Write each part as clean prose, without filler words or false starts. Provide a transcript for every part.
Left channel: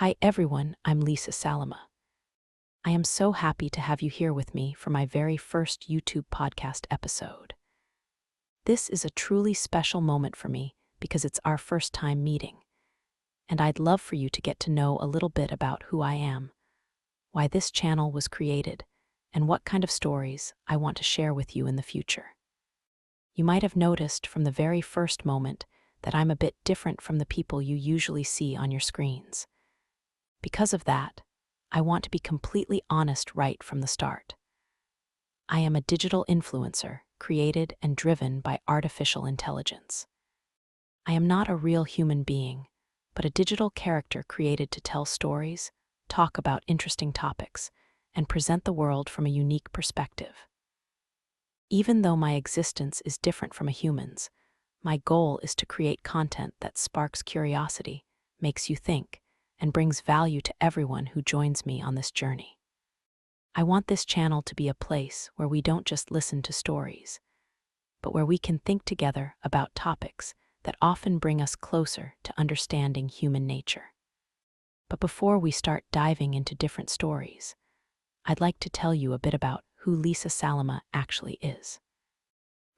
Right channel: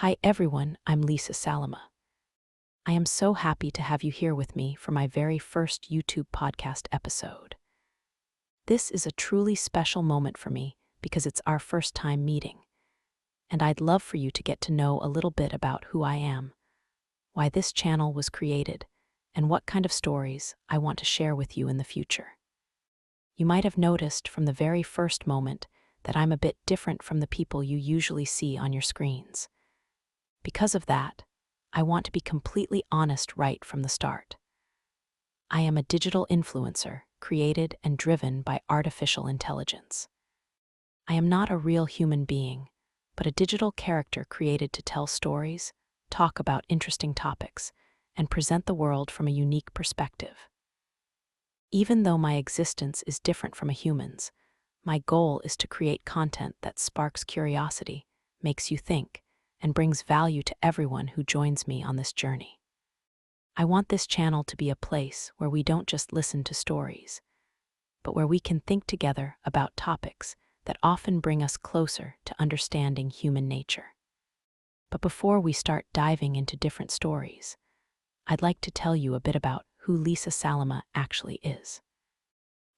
Hi everyone, I'm Lisa Salima. I am so happy to have you here with me for my very first YouTube podcast episode. This is a truly special moment for me because it's our first time meeting, and I'd love for you to get to know a little bit about who I am, why this channel was created, and what kind of stories I want to share with you in the future. You might have noticed from the very first moment that I'm a bit different from the people you usually see on your screens. Because of that, I want to be completely honest right from the start. I am a digital influencer created and driven by artificial intelligence. I am not a real human being, but a digital character created to tell stories, talk about interesting topics, and present the world from a unique perspective. Even though my existence is different from a human's, my goal is to create content that sparks curiosity, makes you think, and brings value to everyone who joins me on this journey. I want this channel to be a place where we don't just listen to stories, but where we can think together about topics that often bring us closer to understanding human nature. But before we start diving into different stories, I'd like to tell you a bit about who Lisa Salima actually is.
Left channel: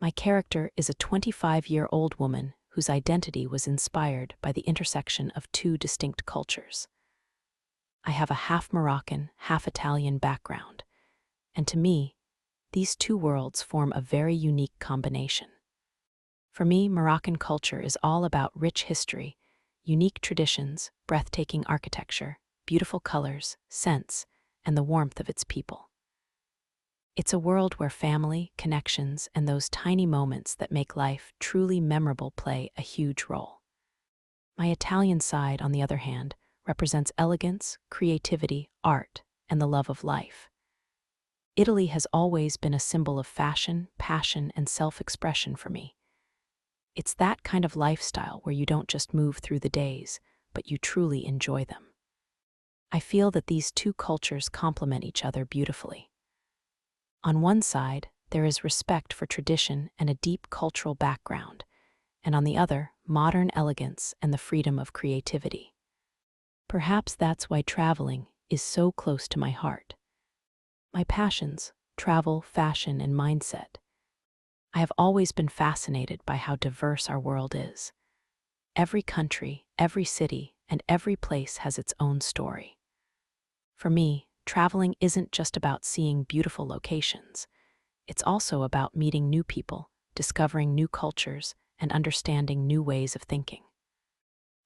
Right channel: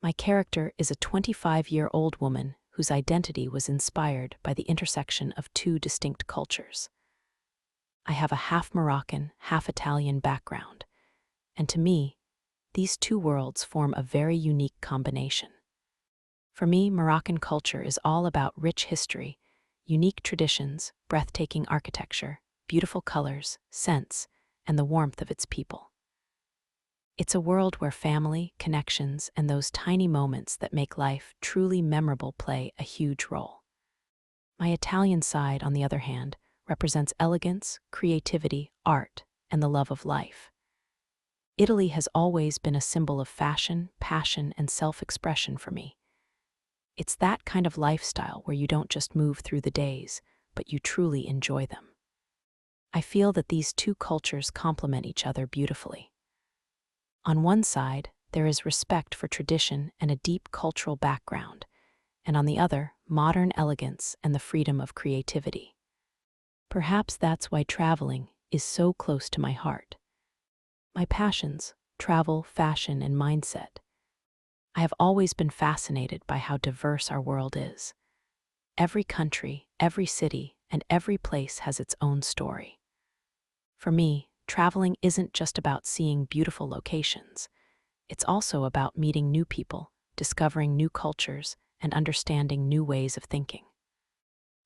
My character is a 25-year-old woman whose identity was inspired by the intersection of two distinct cultures. I have a half Moroccan, half Italian background, and to me, these two worlds form a very unique combination. For me, Moroccan culture is all about rich history, unique traditions, breathtaking architecture, beautiful colors, scents, and the warmth of its people. It's a world where family, connections, and those tiny moments that make life truly memorable play a huge role. My Italian side, on the other hand, represents elegance, creativity, art, and the love of life. Italy has always been a symbol of fashion, passion, and self-expression for me. It's that kind of lifestyle where you don't just move through the days, but you truly enjoy them. I feel that these two cultures complement each other beautifully. On one side, there is respect for tradition and a deep cultural background, and on the other, modern elegance and the freedom of creativity. Perhaps that's why traveling is so close to my heart. My passions, travel, fashion, and mindset. I have always been fascinated by how diverse our world is. Every country, every city, and every place has its own story. For me, traveling isn't just about seeing beautiful locations. It's also about meeting new people, discovering new cultures, and understanding new ways of thinking.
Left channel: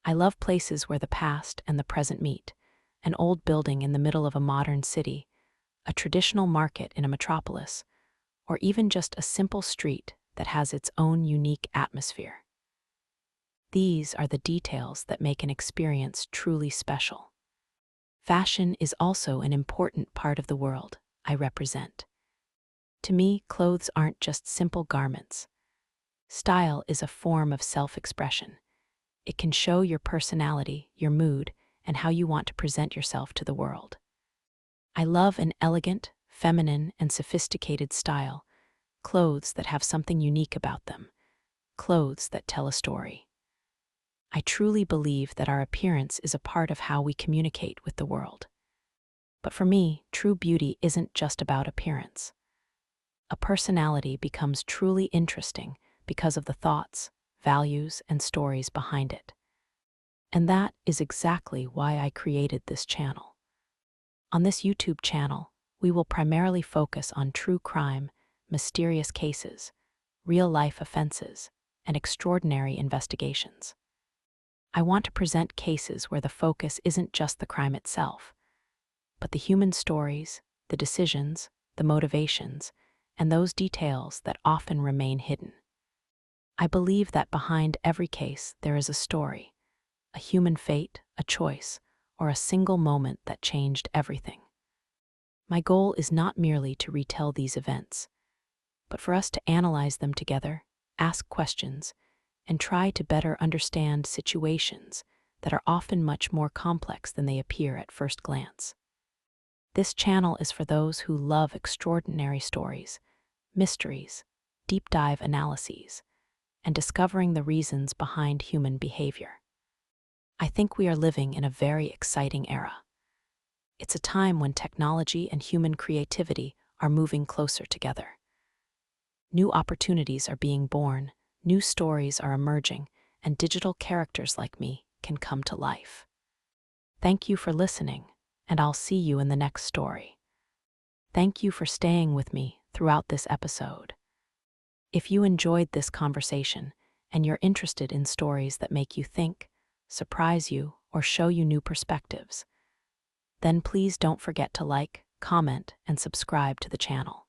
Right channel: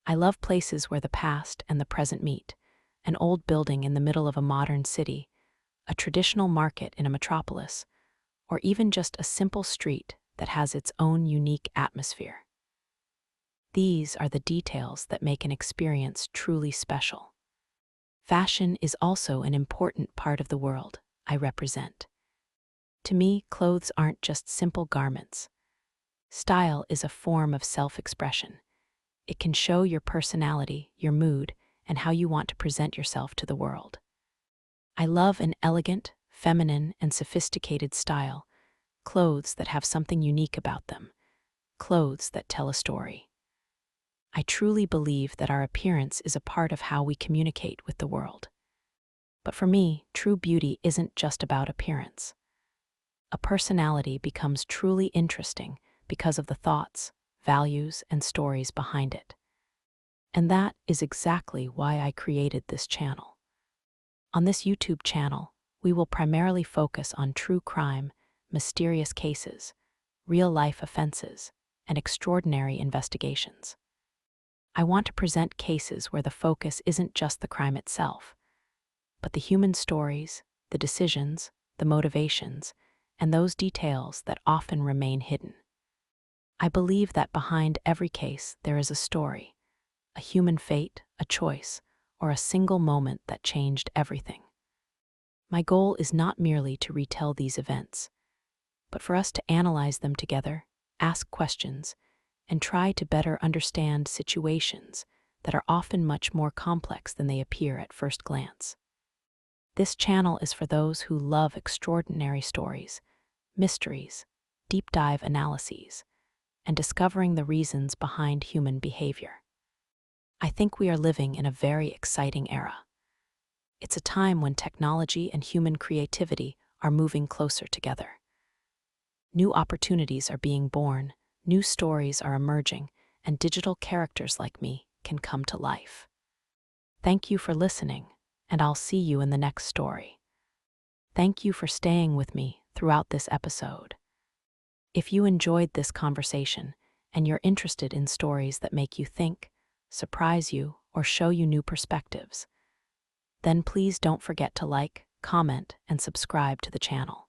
I love places where the past and the present meet, an old building in the middle of a modern city, a traditional market in a metropolis, or even just a simple street that has its own unique atmosphere. These are the details that make an experience truly special. Fashion is also an important part of the world I represent. To me, clothes aren't just simple garments. Style is a form of self-expression. It can show your personality, your mood, and how you want to present yourself to the world. I love an elegant, feminine, and sophisticated style, clothes that have something unique about them, clothes that tell a story. I truly believe that our appearance is a part of how we communicate with the world. But for me, true beauty isn't just about appearance. A personality becomes truly interesting because of the thoughts, values, and stories behind it. And that is exactly why I created this channel. On this YouTube channel, we will primarily focus on true crime, mysterious cases, real-life offenses, and extraordinary investigations. I want to present cases where the focus isn't just the crime itself, but the human stories, the decisions, the motivations, and those details that often remain hidden. I believe that behind every case there is a story, a human fate, a choice, or a single moment that changed everything. My goal is not merely to retell these events, but for us to analyze them together, ask questions, and try to better understand situations that are often much more complex than they appear at first glance. This channel is for those who love extraordinary stories, mysteries, deep dive analyses, and discovering the reasons behind human behavior. I think we are living in a very exciting era. It's a time when technology and human creativity are moving closer together. New opportunities are being born, new stories are emerging, and digital characters like me can come to life. Thank you for listening, and I'll see you in the next story. Thank you for staying with me throughout this episode. If you enjoyed this conversation and you're interested in stories that make you think, surprise you, or show you new perspectives, then please don't forget to like, comment, and subscribe to the channel.